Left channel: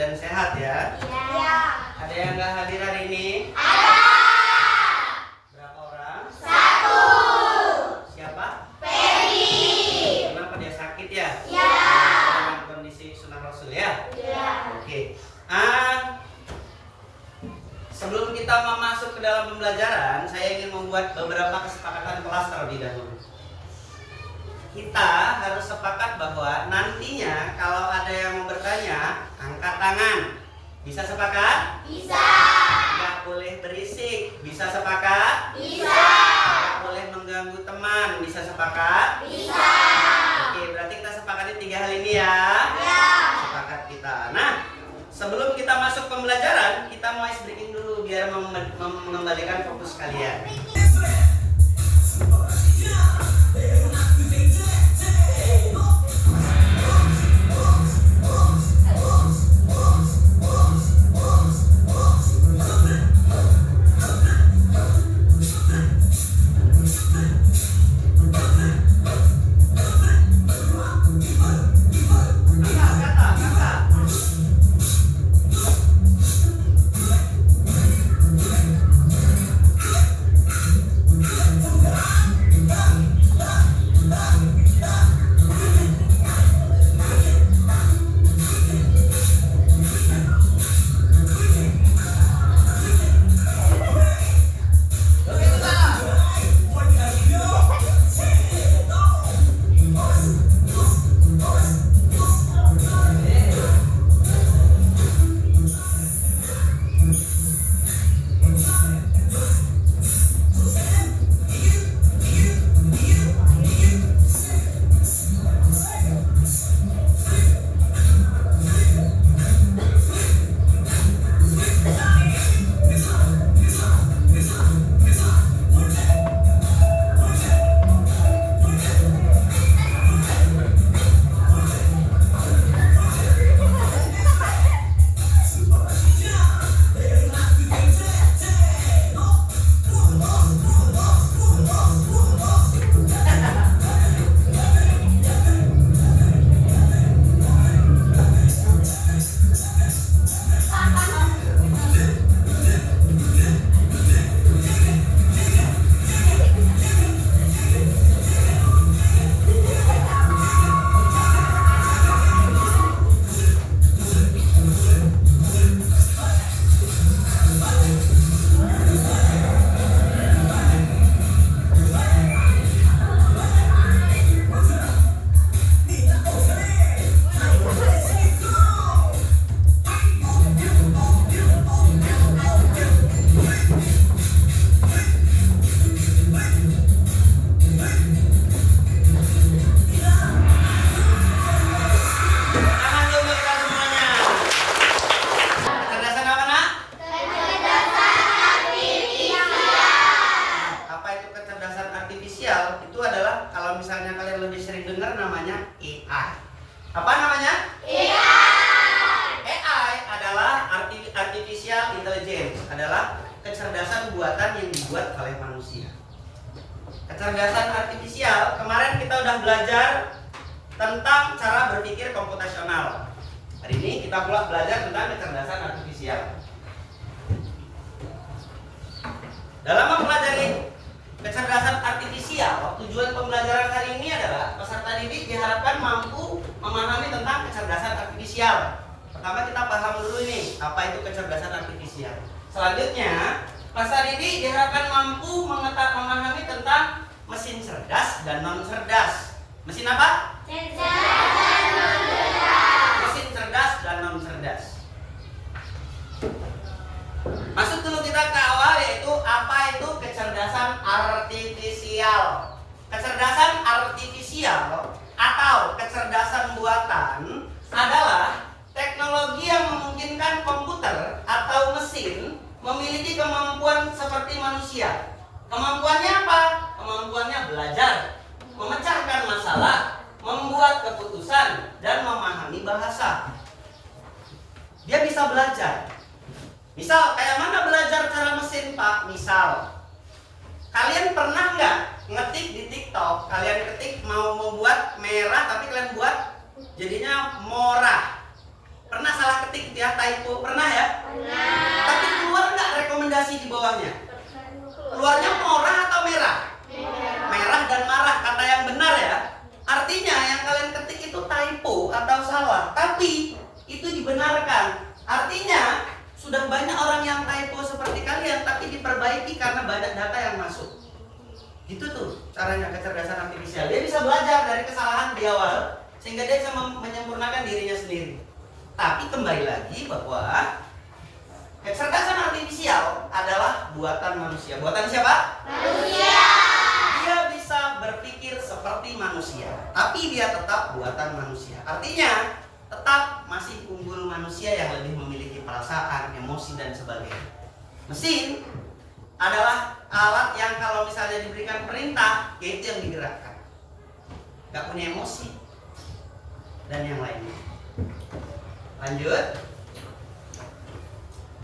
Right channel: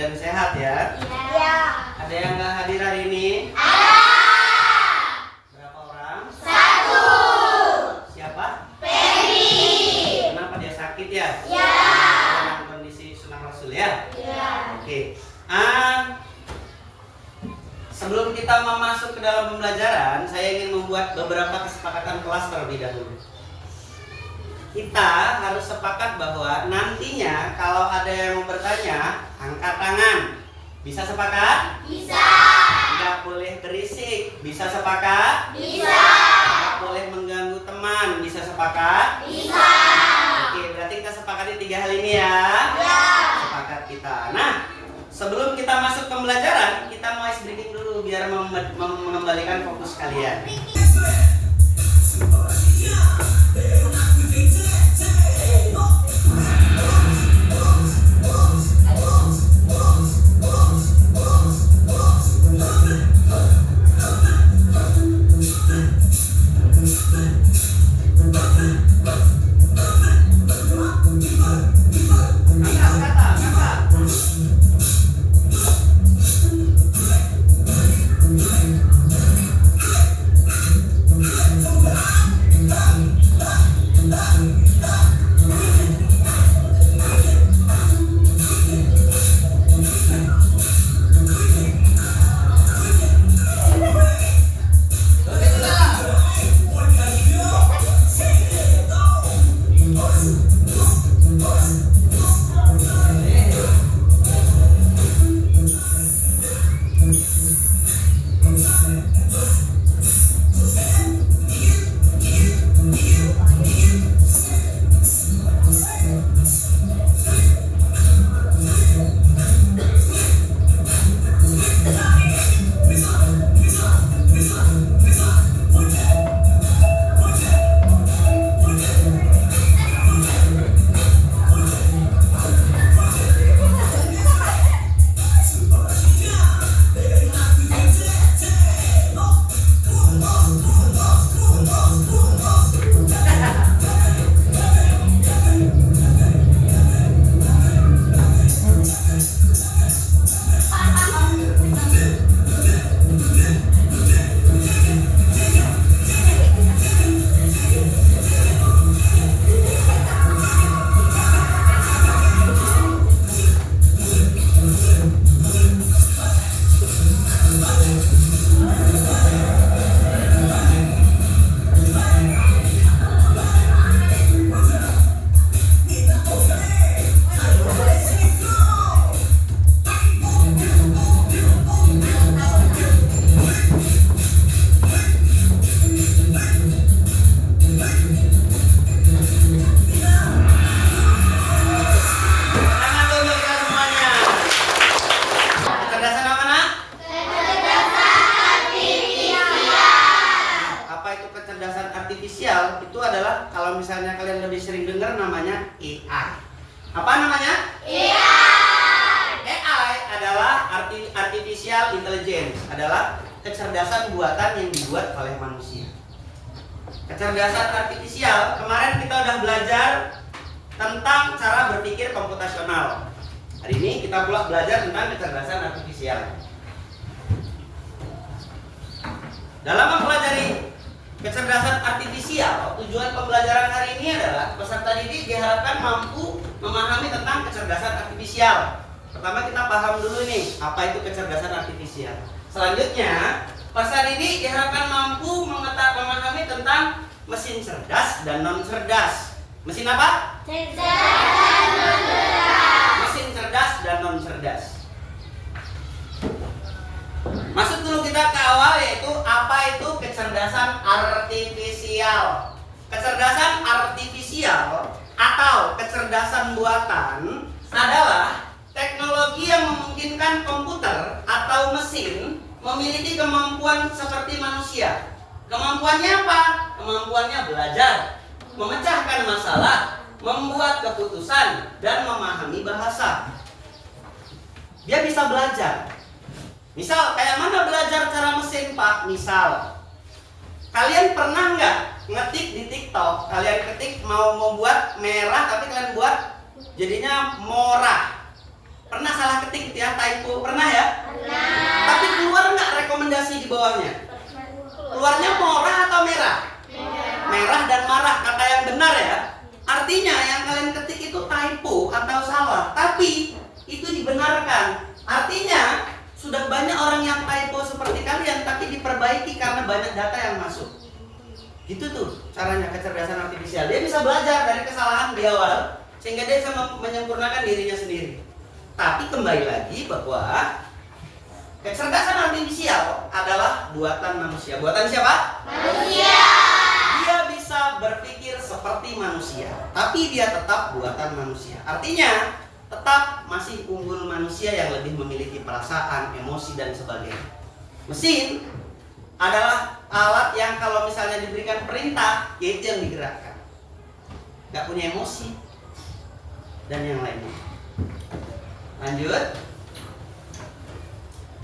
dan sehat ya. Iya. Ada yang nggak hadir hari ini? Ada. Berapa orang? 1. Siapa? Febri. Kenapa dia sakit ya? Iya. Dalam kondisi sunah rasul ya? Iya. Oke. Sebelum kita masuk ke dalam pembelajaran, saya ingin membuat beberapa kesepakatan kelas terlebih dahulu. Kita harus sepakat bahwa nantinya kalau ada yang mau bertanya, angkat tangan. Bisa sepakat? Bisa. Nggak boleh berisik. Bisa sepakat? Bisa. Nggak boleh mengganggu teman. Bisa sepakat? Bisa. Oke, berarti kita sepakatin 3 hal ini ya. Ya. Sepakat kita. Nah, sebelum kita masuk pembelajaran, kita mau ice breaking dulu biar mengembalikan fokus kalian. Itu adalah kalau misalnya kalian lebih sering dengar namanya AI. Apa namanya? AI adalah artificial intelligence, adalah kecerdasan buatan yang dibuat oleh manusia. Kecerdasan artifisial, kemarin kita udah belajar tentang cara berpikir komputasional. Hari ini kita pula belajar tentang kecerdasan artifisial. Dalam mempelajari kecerdasan artifisial, tujuan pembelajaran hari ini adalah peserta didik diharapkan mampu memahami tentang kecerdasan artifisial. Pertama kita paham dulu nih, apa itu kecerdasan artifisial. Selanjutnya, peserta didik diharapkan mampu memahami tentang mesin cerdas dan non cerdas. Mesin apa? Cerdas dan non cerdas. Mesin cerdas dan non cerdas. Masuk dulu kita ke awal, yaitu apa itu kecerdasan artifisial. Kecerdasan artifisial atau kecerdasan buatan adalah teknologi yang memungkinkan komputer atau mesin memiliki kemampuan seperti manusia. Kemampuannya apa? Kemampuannya belajar, memecahkan masalah, membuat keputusan, dan memahami bahasa. Dia bisa belajar. Misal, kayak mana belajar cara mesin, Pak? Misal, kalian pernah nggak ngetik di TikTok? Kalian ketik mau membuat merah, tapi kalian buat jadinya morah. Pernah salah ketik gitu ya, typo, pernah ya? Pernah. Tapi keluar nggak rekomendasi di bawahnya? Keluarnya merah atau merah? Merah dan marah, kata yang benar ya. Artinya yang kalian ketik itu typo atau salah, tapi itu dibenarkan. Artinya sudah banyak orang yang typo seperti kalian, tapi diperbaiki karena banyak data yang masuk. Gitu tuh caranya kecerdasan artifisial. Dia bisa belajar dari kesalahan di awal, sehingga dia bisa menyempurnakan dirinya sendiri. Tapi kembali lagi bahwa kecerdasan artifisial adalah buatan manusia. Buatan siapa? Manusia. Dia bisa berpikir seperti manusia, tapi dia tetap buatan manusia. Artinya tetap masih unggul manusia yang lebih memiliki perasaan, emosi, dan sebagainya. Mesin adalah alat yang kalau misalnya diberikan perintah, yaitu yang digerakkan. Gak punya emosi dan yang lainnya. Lanjut.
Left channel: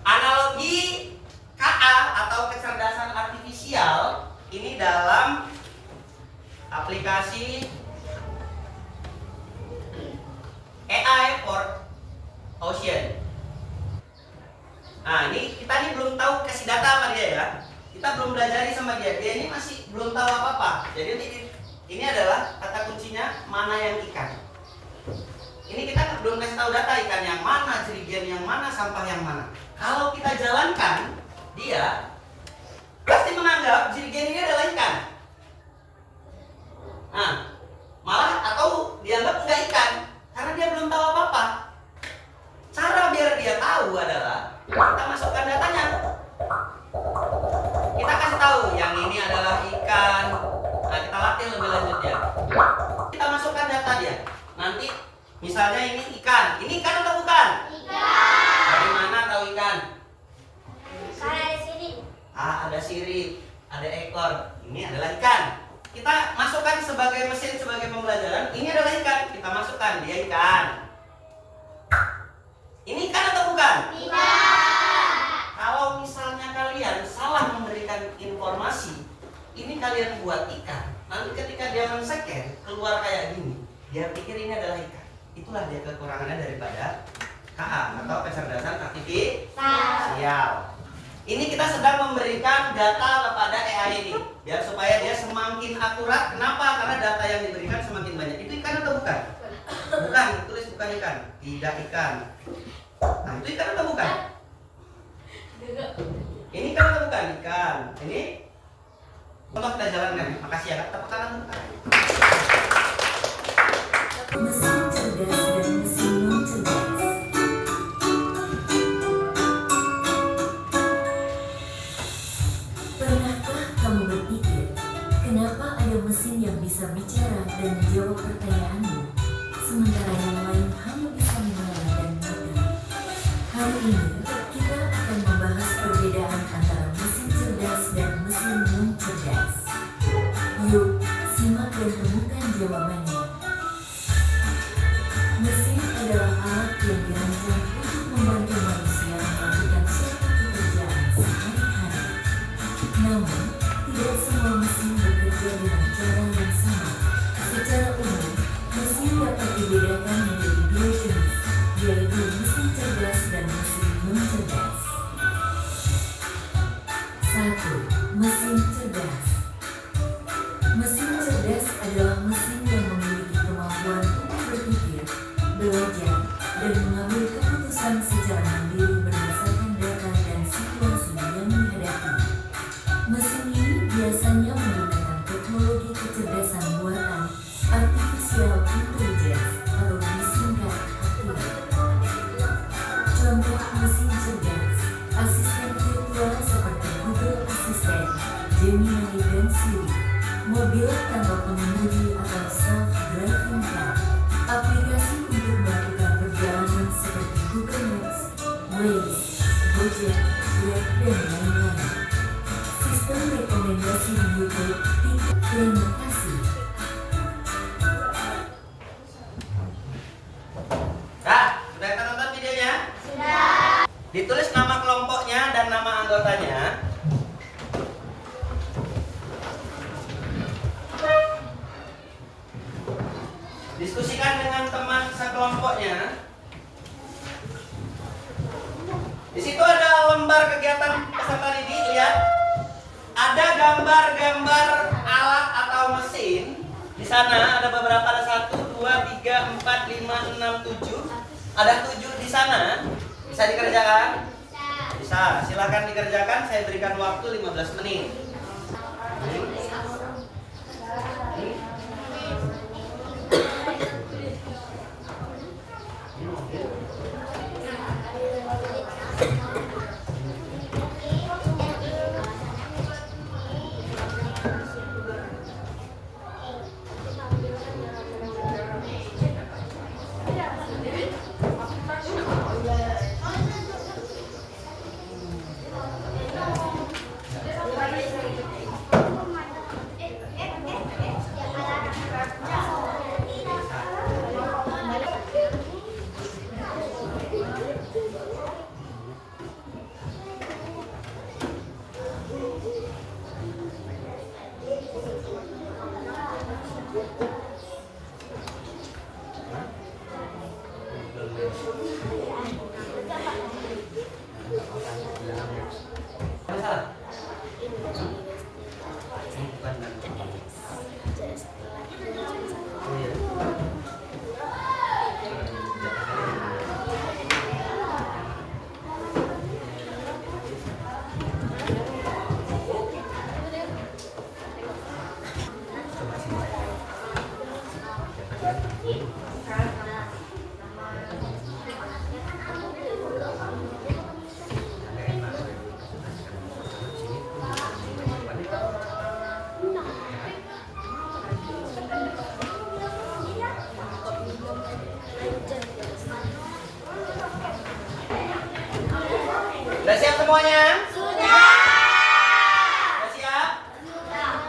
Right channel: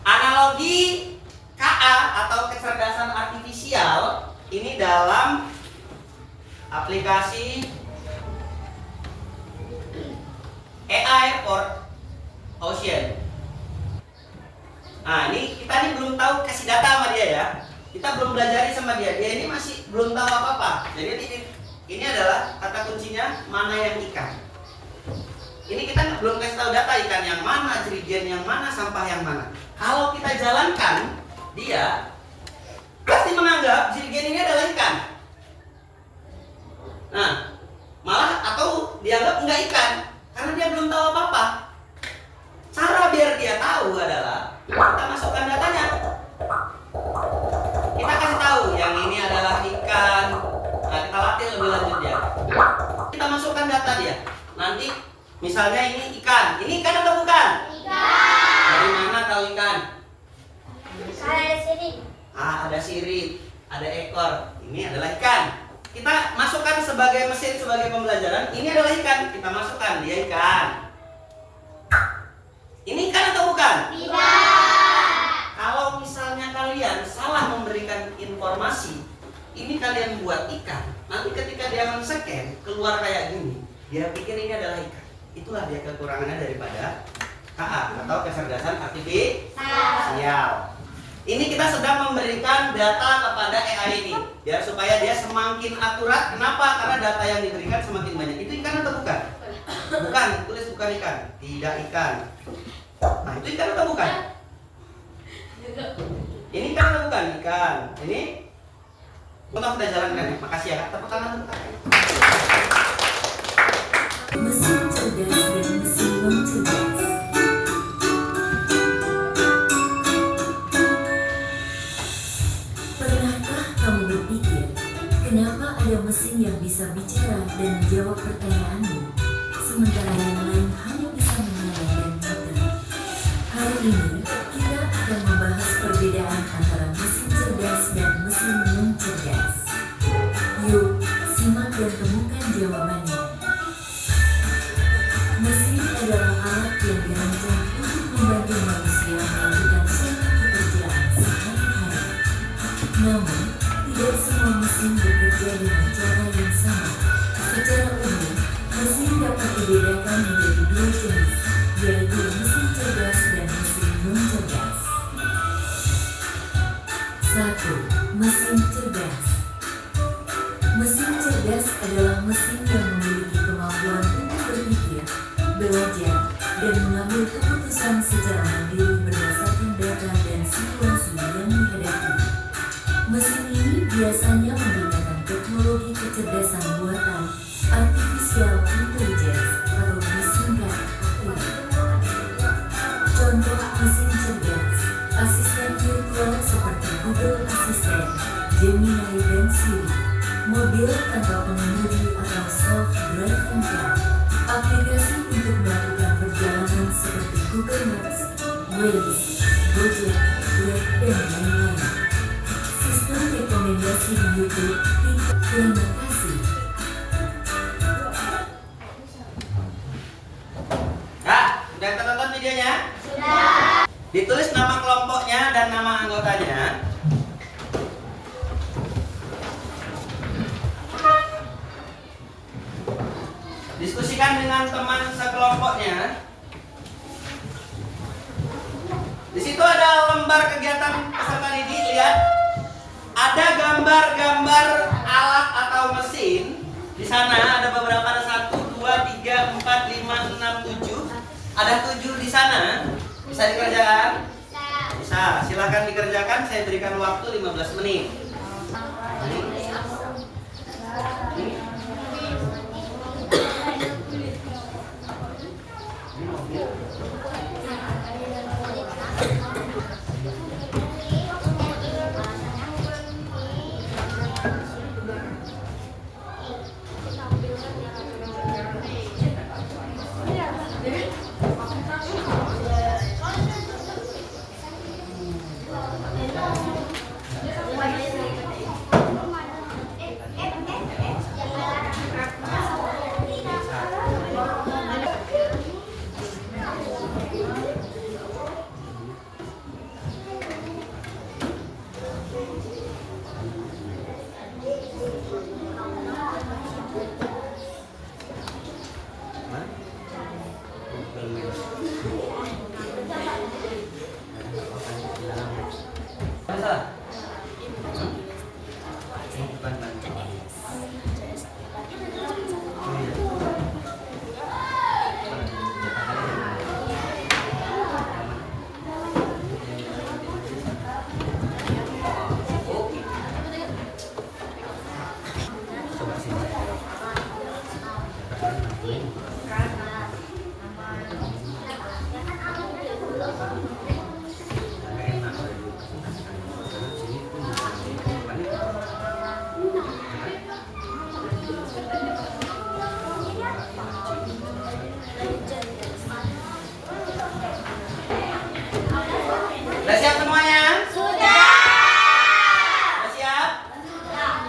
Analogi KA atau kecerdasan artifisial ini dalam aplikasi AI for Ocean. Nah, ini kita belum tahu kasih data sama dia ya. Kita belum belajar sama dia. Dia ini masih belum tahu apa-apa. Jadi ini adalah kata kuncinya mana yang ikan. Ini kita belum kasih tahu data ikan yang mana, jerigen yang mana, sampah yang mana. Kalau kita jalankan, dia pasti menganggap jerigen ini adalah ikan. Nah, malah atau dianggap enggak ikan karena dia belum tahu apa-apa. Cara biar dia tahu adalah kita masukkan datanya. Kita kasih tahu yang ini adalah ikan. Nah, kita latih lebih lanjut ya. Kita masukkan data dia. Nanti misalnya ini ikan. Ini ikan atau bukan? Ikan. Dari mana tahu ikan? Ada sini. Ada sirip, ada ekor. Ini adalah ikan. Kita masukkan sebagai mesin, sebagai pembelajaran. Ini adalah ikan. Kita masukkan, dia ikan. Ini ikan atau bukan? Tidak. Kalau misalnya kalian salah memberikan informasi, ini kalian buat ikan. Nanti ketika dia men-scan, keluar kayak gini, dia pikir ini adalah ikan. Itulah dia kekurangannya daripada KA atau kecerdasan artifisial. Ini kita sedang memberikan data kepada AI ini, biar supaya dia semakin akurat. Kenapa? Karena data yang diberikan semakin banyak. Itu ikan atau bukan? Bukan, tulis bukan ikan. Tidak ikan. Nah, itu ikan atau bukan? Ini ikan atau bukan? Ikan. Ini untuk kita jalankan ya. Makasih ya Kak. Tepuk tangan untuk Kak. Mesin cerdas dan mesin non cerdas. Pernahkah kamu berpikir, kenapa ada mesin yang bisa bicara dan menjawab pertanyaanmu, sementara yang lain hanya bisa mendengar dan mengerti? Hari ini, kita akan membahas perbedaan antara mesin cerdas dan mesin non cerdas. Yuk, simak dan temukan jawabannya. Mesin adalah alat yang dirancang untuk membantu manusia melakukan suatu pekerjaan sehari-hari. Namun, tidak semua mesin bekerja dengan cara yang sama. Secara umum, mesin dapat dibedakan menjadi dua jenis, yaitu mesin cerdas dan mesin non-cerdas. 1. Mesin cerdas. Mesin cerdas adalah mesin yang memiliki kemampuan untuk berpikir, belajar, dan mengambil keputusan secara mandiri berdasarkan data dan situasi yang dihadapi. Mesin ini biasanya menggunakan teknologi kecerdasan buatan, artificial intelligence, atau disingkat AI. Contoh mesin cerdas, asisten virtual seperti Google Assistant, Gemini, dan Siri, mobil tanpa pengemudi atau self-driving car, aplikasi untuk melakukan perjalanan seperti Google Maps, Waze, Gojek, Grab, dan lain-lain. Sistem rekomendasi di YouTube, TikTok. Terima kasih. Kak, udah kita tonton videonya? Sudah. Ditulis nama kelompoknya dan nama anggotanya. Diskusikan dengan teman sekelompoknya. Di situ ada lembar kegiatan peserta didik, lihat. Ada gambar-gambar alat atau mesin. Di sana ada beberapa, ada 1, 2, 3, 4, 5, 6, 7. Ada 7 di sana. Bisa dikerjakan? Bisa. Silakan dikerjakan. Saya berikan waktu 15 menit. Sudah siap semuanya? Sudah. Sudah siap?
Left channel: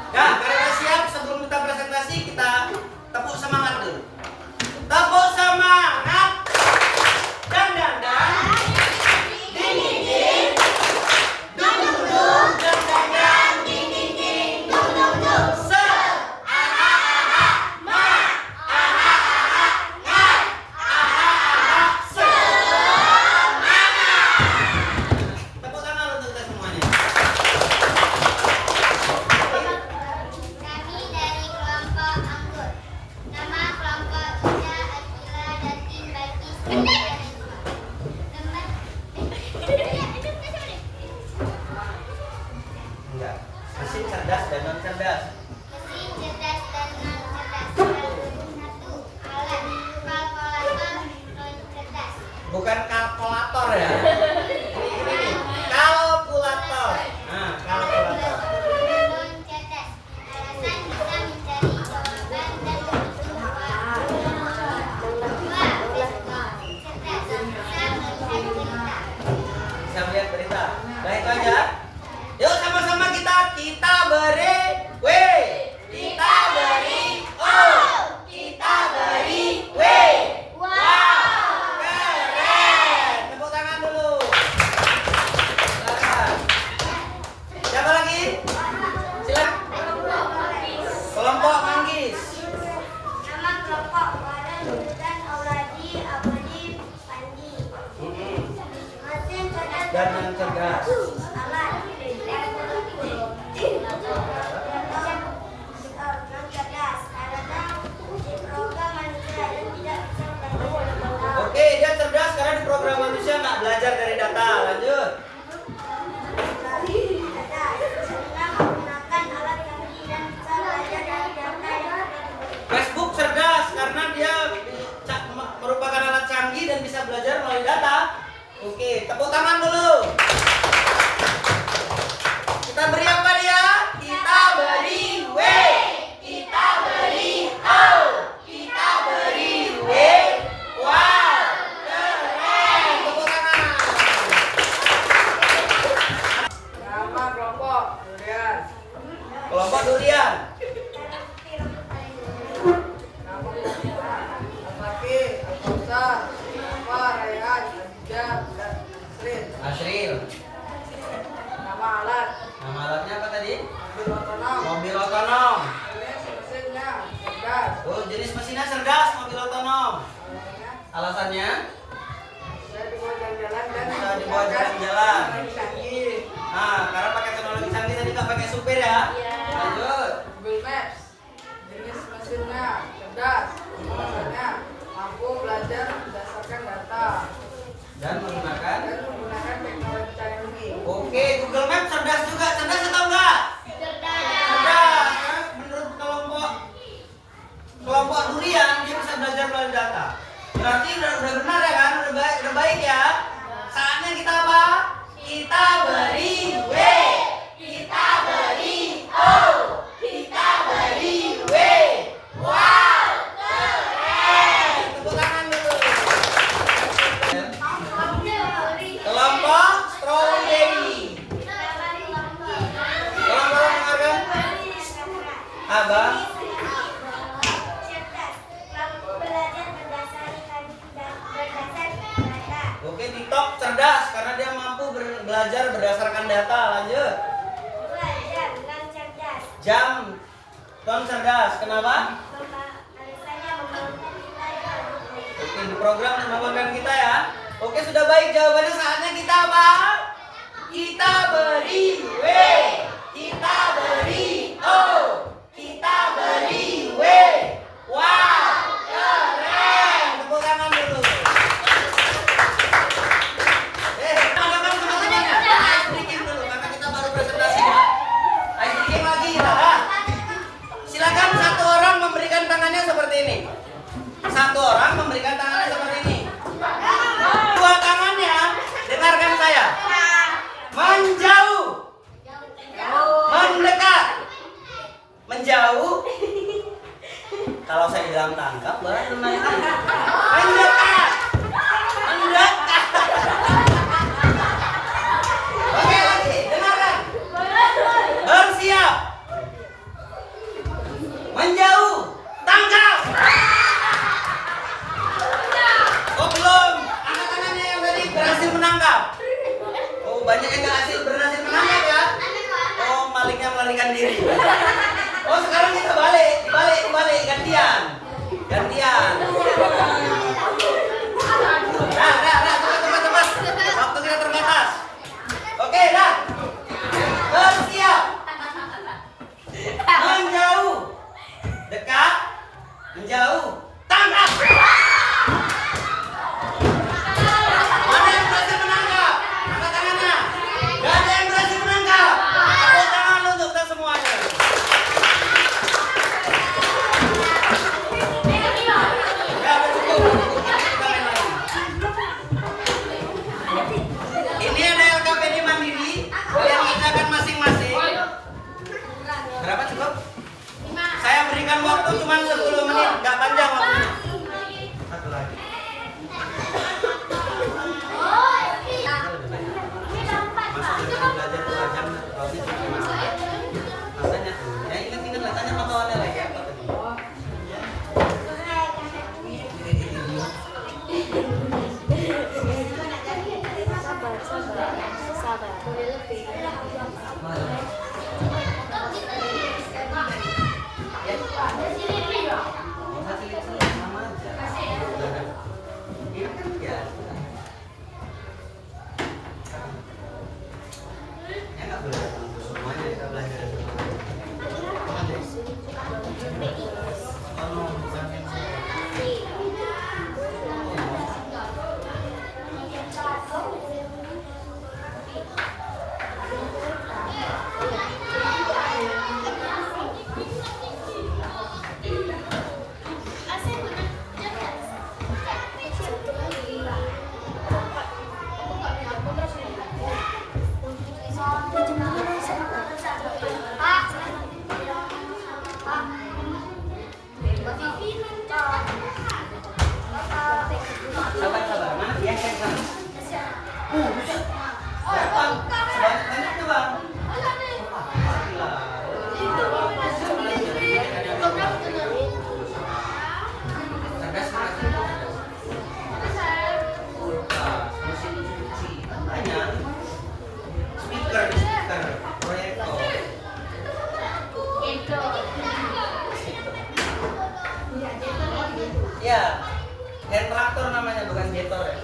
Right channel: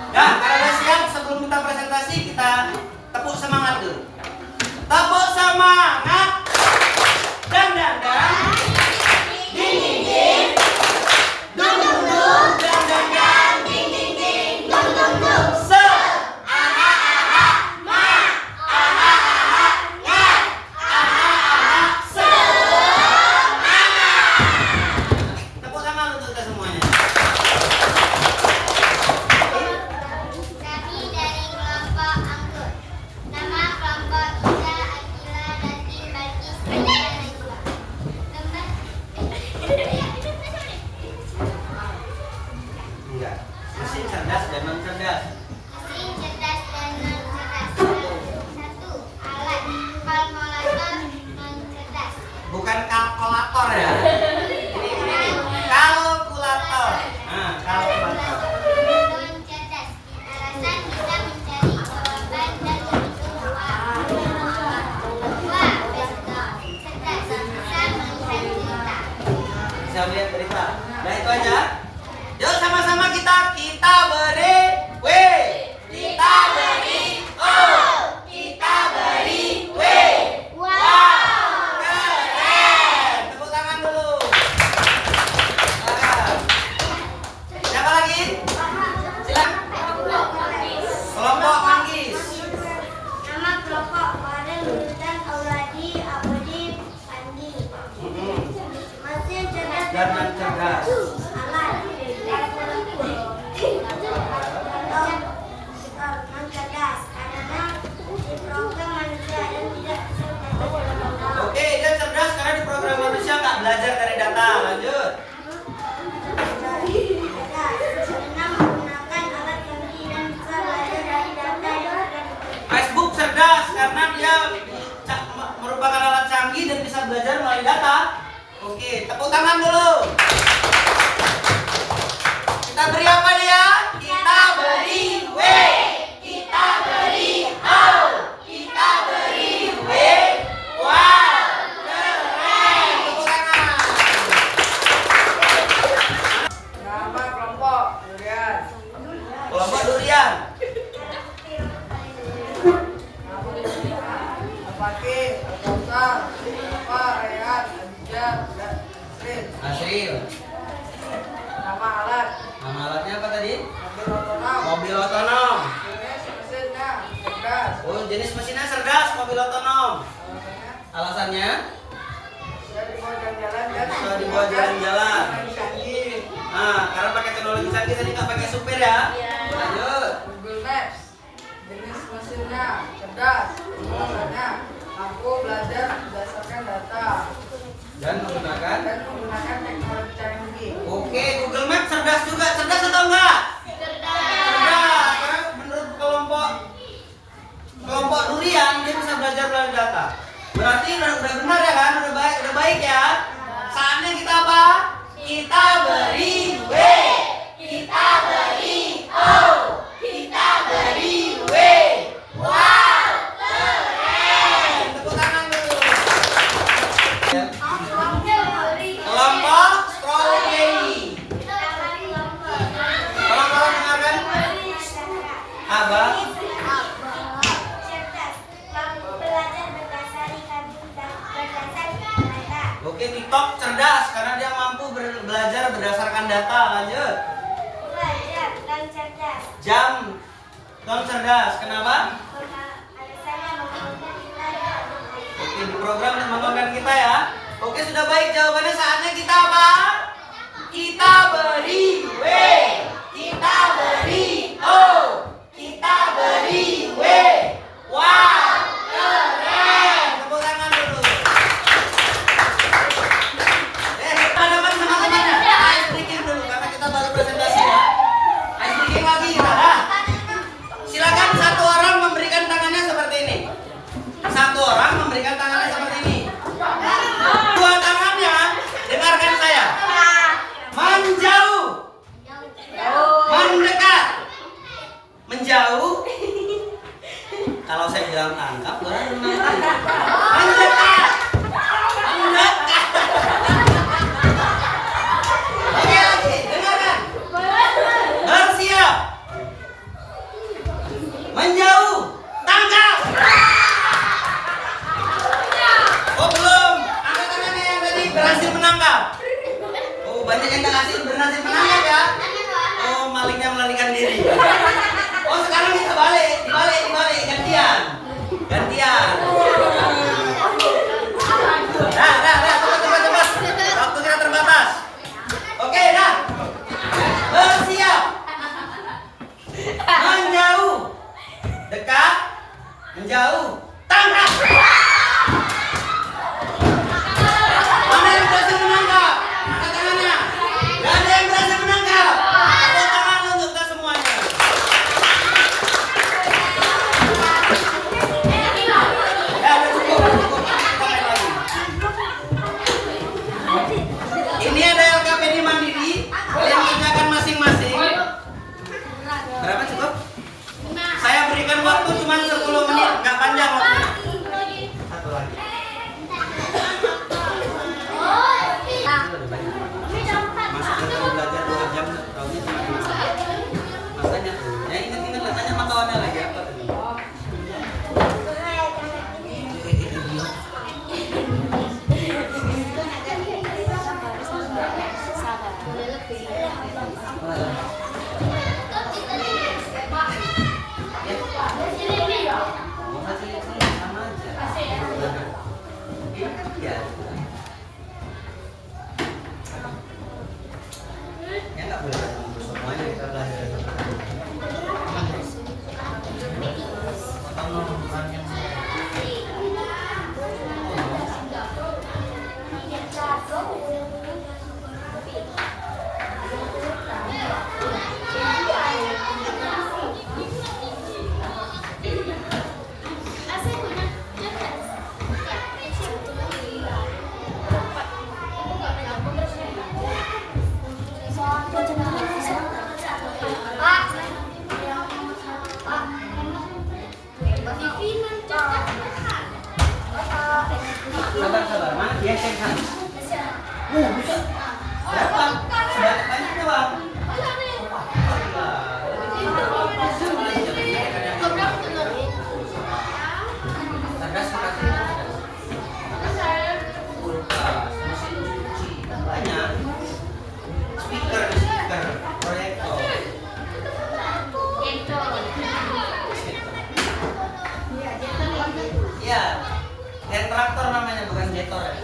Nah, karena sudah siap, sebelum kita presentasi, kita tepuk semangat dulu. Tepuk semangat. Dan. Ding ding ding. Dung dung dung. Dan. Ding ding ding. Dung dung dung. Se. Aha aha. Ma. Aha aha. Nga. Aha aha. Se. Tepuk tangan untuk kita semuanya. Kami dari kelompok anggur. Nama kelompok kita Akila, Datin, Balkis, Anda, dan Najwa. Enggak. Mesin cerdas dan non cerdas. Mesin cerdas dan non cerdas. 1. Alat kalkulator non cerdas. Bukan kalkulator ya. Ini kalkulator. Nah, kalkulator. Non cerdas. Alasan bisa mencari jawaban dan menghitung uang. 2. Pistol cerdas. Bisa melihat cerita. Bisa melihat berita. Nah, itu aja. Yuk sama-sama kita beri W. Kita beri O. Kita beri W. Wow. Keren. Tepuk tangan dulu. Nah. Siapa lagi? Silakan. Kelompok Manggis. Nama kelompok Warren, Sultan, Auladi, Abadi, Pandi. Mesin cerdas Dan non cerdas. alat non cerdas karena program manusia dan tidak cerdas. Oke, dia cerdas karena di program manusia nggak belajar dari data. Lanjut. Cerdas karena menggunakan alat canggih dan bisa belajar dari data yang Facebook cerdas karena dia merupakan alat canggih dan bisa belajar melalui data. Oke, tepuk tangan dulu. Kita beri apa dia? Kita beri W. Kita beri O. Kita beri W. Wow, keren. Tepuk tangan. Nama kelompok durian. Kelompok durian. Apaki, Alkosar, Apa, Rehan, Adija, Nasrin. Asril. Nama alat, Nama alatnya apa tadi? mobil otonom. Mobil otonom. Jenis mesinnya, gas. Oh, jenis mesinnya cerdas, mobil otonom. Alasannya? Bisa dibawa jalan-jalan dan Bisa dibawa jalan-jalan. Teknologi canggih. Nah, karena pakai teknologi canggih tadi nggak pakai supir ya. Lanjut. Google Maps. Jenis mesinnya cerdas. Bahasanya mampu belajar berdasarkan data Dan menggunakan. dan menggunakan teknologi canggih. Oke, Google Map cerdas juga. Cerdas atau enggak? Cerdas. Karena menurut kelompok durian dia bisa belajar melalui data. Berarti udah benar ya kan? Udah baik ya. Saatnya kita apa? Kita beri W. Kita beri O. Kita beri W. Wow, keren. Tepuk tangan dulu. Kelompok strawberry. Tolong dengarkan. Abang. Oke, TikTok cerdas karena dia mampu belajar berdasarkan data. Lanjut. Jam Tom cerdas. Kenapa? Oke, di program membangun kita ya. Oke, sudah baik jawabannya. Saatnya kita apa? Kita beri W. Kita beri O. Kita beri W. Wow, keren. Tepuk tangan dulu. Teman-teman teman-temannya. Ice breaking dulu karena kita baru presentasi ya. Ice breaking lagi kita dah. Silakan satu orang memberikan tangannya seperti ini. Satu orang memberikan tangannya seperti ini. Dua tangannya, dengarkan saya. Menjauh, mendekat, menjauh. Kalau saya bilang tangkap, baru menangkap. Mendekat, mendekat. Oke lagi, dengarkan. Bersiap, menjauh, tangkap. Oh belum, angkat tangannya yang tadi berhasil menangkap. Oh banyak yang berhasil menangkap ya. Oh malingnya melarikan diri. Oh sekarang kita dibalik, gantian. Cepat. Waktu kita terbatas. Oke, dah. Bersiap. Menjauh. Dekat. Menjauh. Tangkap. Mana yang berhasil menangkap? Angkat tangannya. Gak ada yang berhasil menangkap. Tepuk tangan untuk kita semuanya. Ya udah cukup. Kita main lagi. Ini ada LKPD Mandiri. Kalian kerjakan masing-masing. Berapa cukup? Saya berikan waktu cuma 10 menit, gak panjang waktunya. Satu lagi. Kita lebih banyak. Masa kita belajar 2 jam, tahunnya cuma 2 jam. Makanya, ya ingat tanya sama kawannya lagi apa tadi. Sama aja. Iya kan ya. Ya nggak boleh semuanya kita belajar. Sabar, mana dia cek sana. Bisa. Berapa? Banyak doang. Banyak. Speaker, proyektor. Ya, hand traktor namanya bukan jetor ya.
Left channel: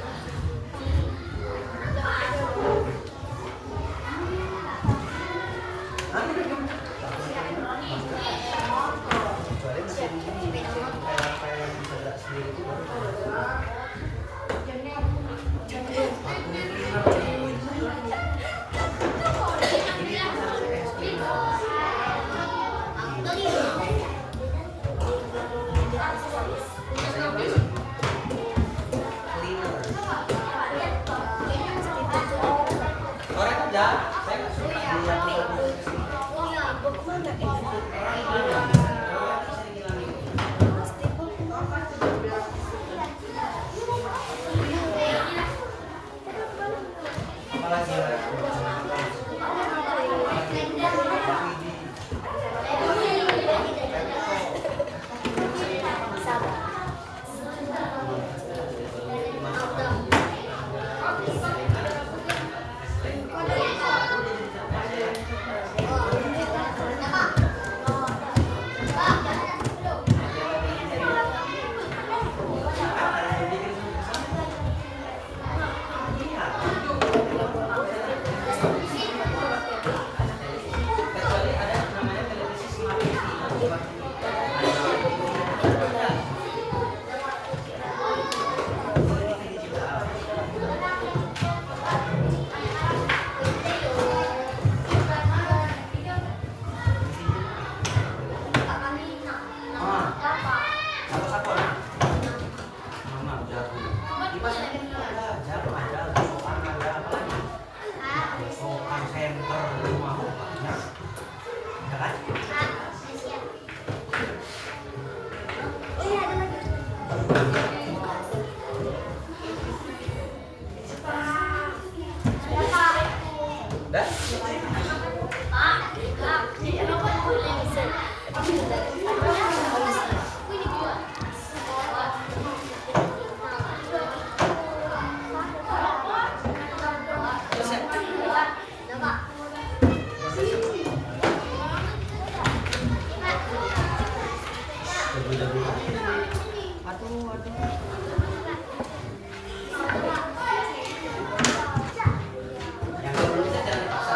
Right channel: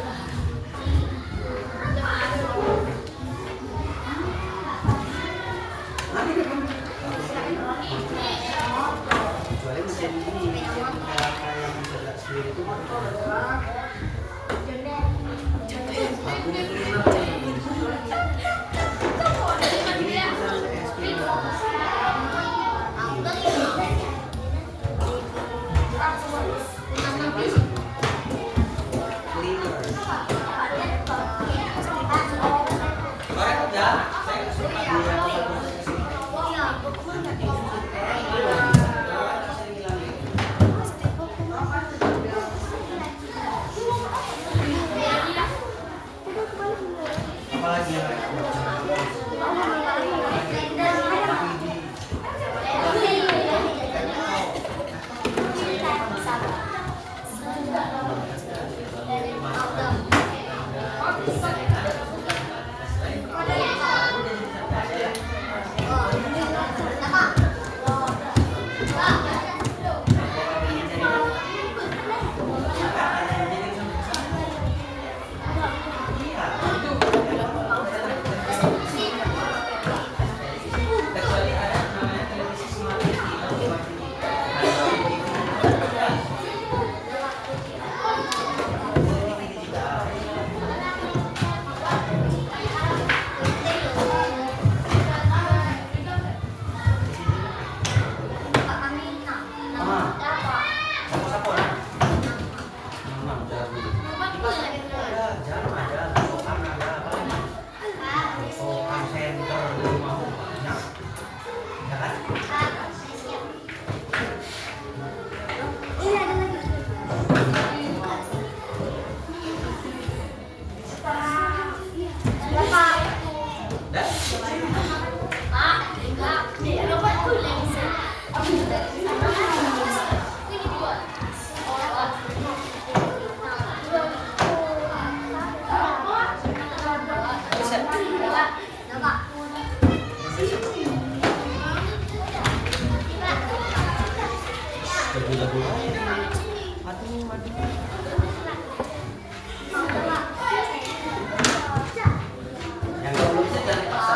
Yang belum bisa jangan dipaksa.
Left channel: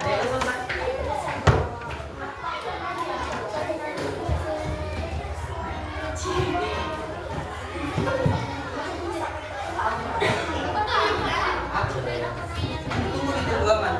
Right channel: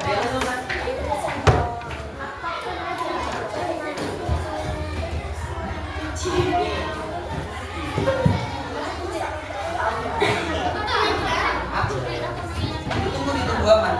Ada yang susah? Tunggu ditunggu aman.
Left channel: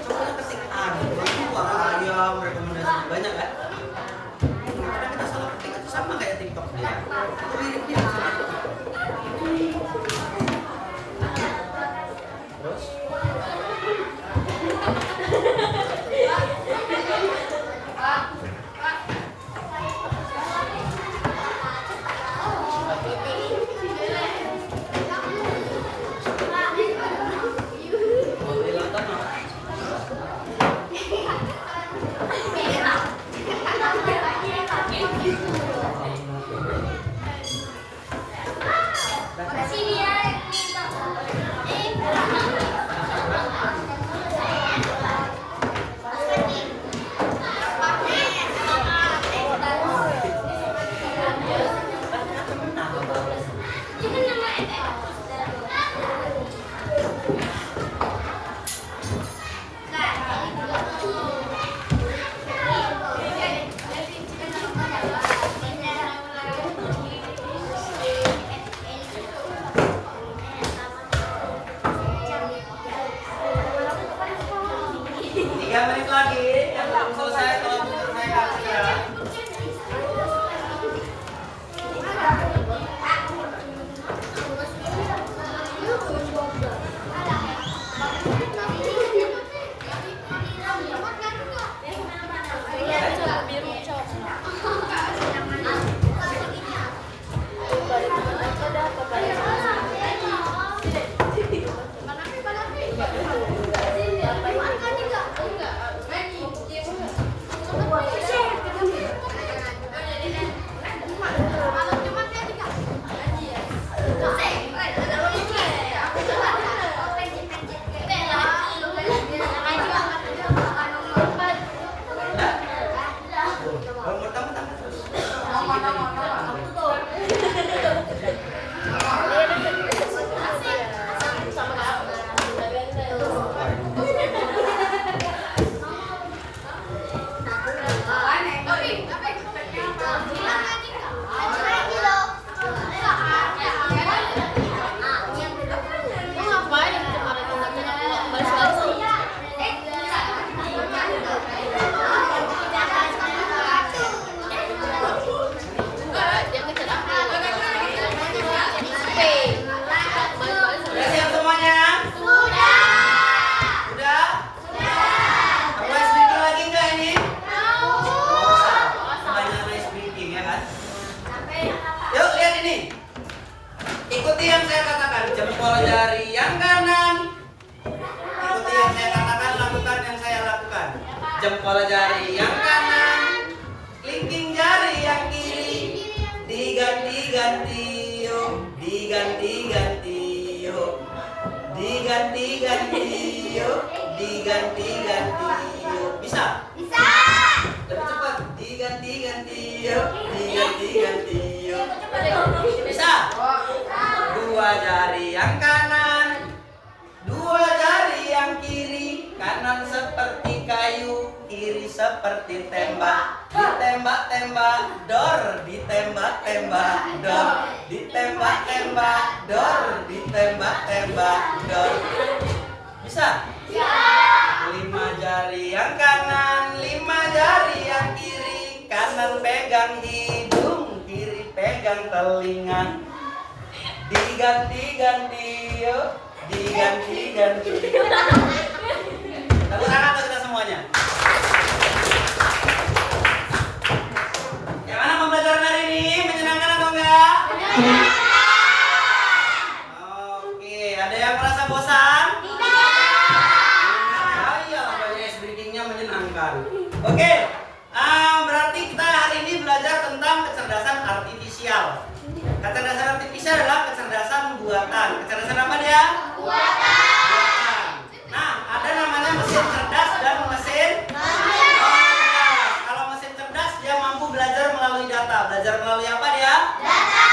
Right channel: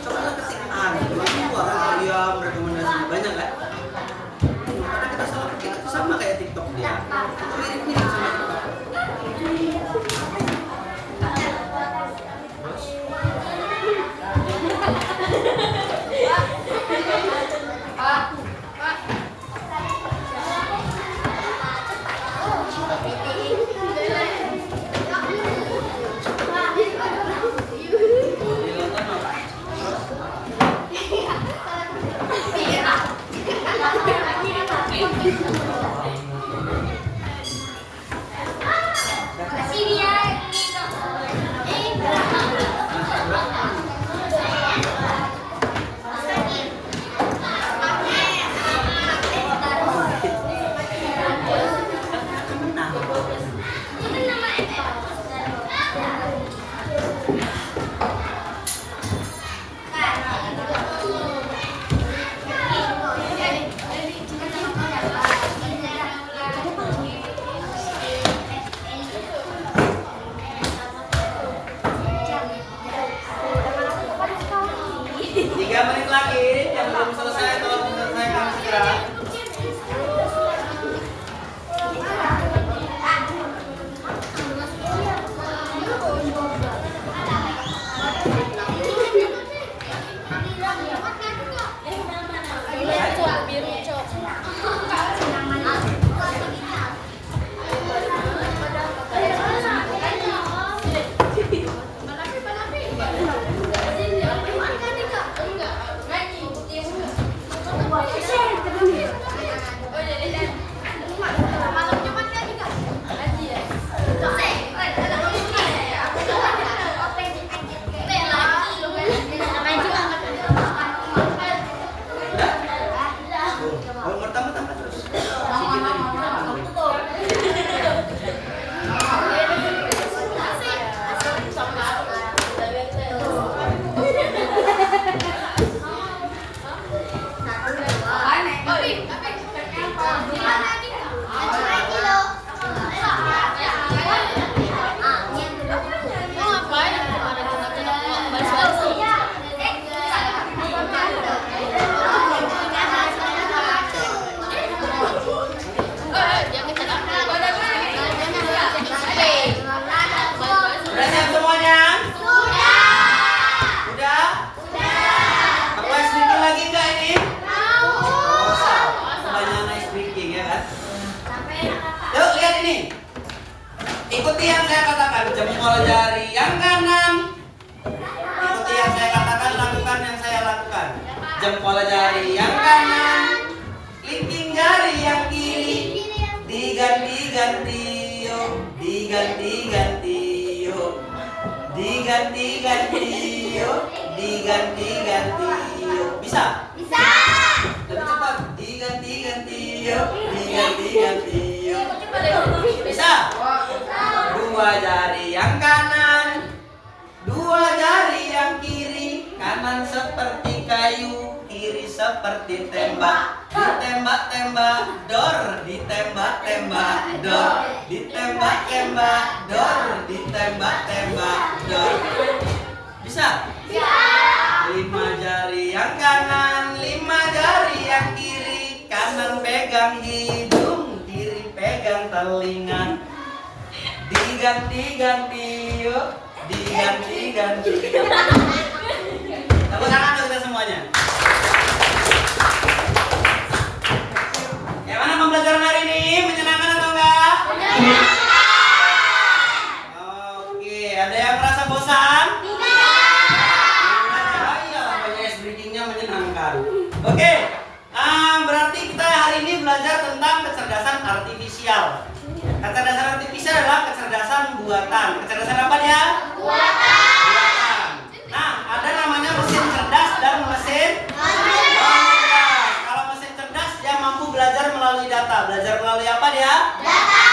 Coba ketik suara ayam rekomendasi banyak kan? Karena kita salah ketik itu sama kayak TikTok dia. Itu mirip-mirip sama TikTok. Terus? Boleh nonton apa? Tiga menit lagi, yang belum selesai tolong diselesaikan segera. Kalau pertama tambah terus. Sedikit lagi. Udah siap semuanya? Udah? Aku ice breaking lagi nggak ini? Banyak ice breaking ya kan? Yuk lihat ini. Ikuti yang saya katakan. Jempol jari yang kanan. Ikuti yang saya katakan, lakukan yang saya lakukan. Jempol jari yang kanan. Kelingking jari yang kiri. Diganti-ganti yuk. Diganti-ganti yuk. Diganti-ganti yuk. Diganti-ganti yuk. Bisa? Bisa. Lebih cepat. Diganti-ganti yuk. Diganti-ganti yuk. Bisa? Dua jari yang kanan, dua jari yang kiri. Kanan seperti kayu, kiri seperti tembak. Ditembak-tembak dor, ditembak-tembak dor, ditembak-tembak dor, ditembak-tembak dor. Bisa? Lima jari yang kanan, lima jari yang kiri, kanan pegang hidung, kiri pegang telinga. Diganti-ganti yuk, diganti-ganti. Tepuk tangan untuk kita semuanya. Gimana pembelajaran hari ini? Menyenangkan atau enggak? Oke, ada yang merasa bosan? Oh iya, yes, breathing-nya menyenangkan. Oke, berarti kita hari ini belajar tentang kecerdasan artifisial. Kecerdasan artifisial adalah kecerdasan buatan. Kecerdasan apa dia? Buatan. Nah, ada namanya mesin cerdas dan mesin cerdas. Kalau mesin cerdas dia mampu belajar melalui data. Belajar melalui apa dia? Data.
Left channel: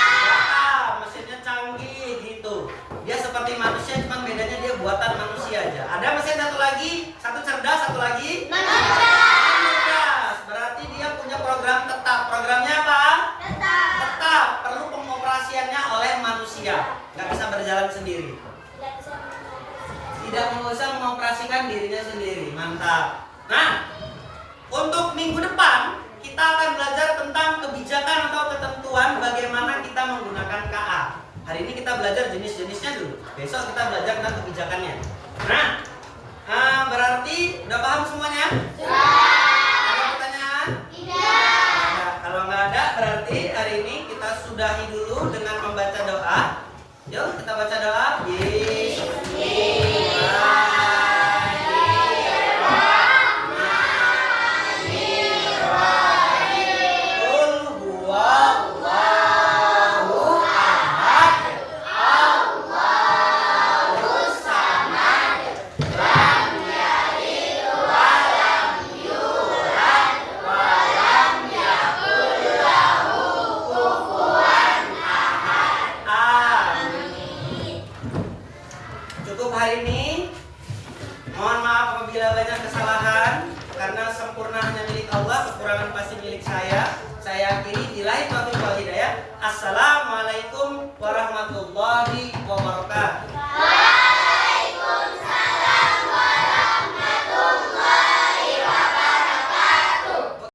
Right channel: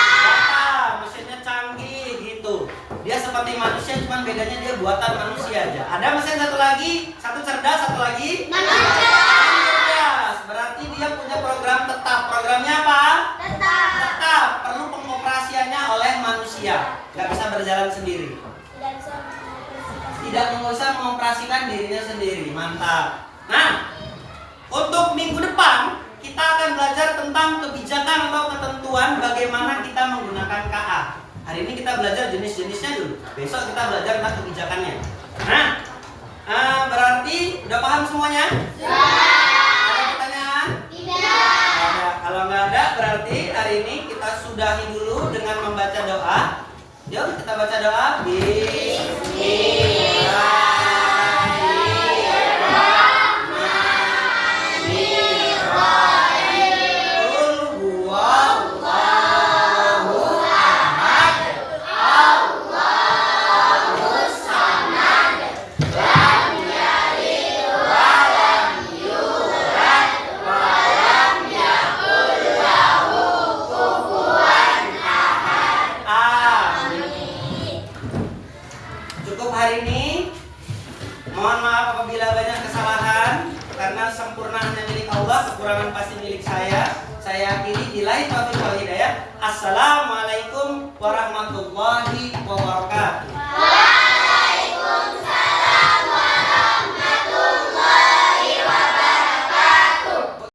Mesinnya canggih gitu. Dia seperti manusia, cuman bedanya dia buatan manusia aja. Ada mesin satu lagi, satu cerdas, satu lagi cerdas. Berarti dia punya program tetap. Programnya apa? Tetap. Perlu pengoperasiannya oleh manusia. Nggak bisa berjalan sendiri. Tidak bisa mengoperasikan dirinya sendiri. Mantap. Nah, untuk minggu depan kita akan belajar tentang kebijakan atau ketentuan bagaimana kita menggunakan KA. Hari ini kita belajar jenis-jenisnya dulu. Besok kita belajar tentang kebijakannya. Nah, berarti udah paham semuanya? Ada pertanyaan? Ada. Kalau nggak ada, berarti hari ini kita sudahi dulu dengan membaca doa. Yuk kita baca doa. Cukup hari ini. Mohon maaf apabila banyak kesalahan, karena sempurna hanya milik Allah, kekurangan pasti milik saya. Saya akhiri, billahi taufiq wal hidayah. Assalamualaikum warahmatullahi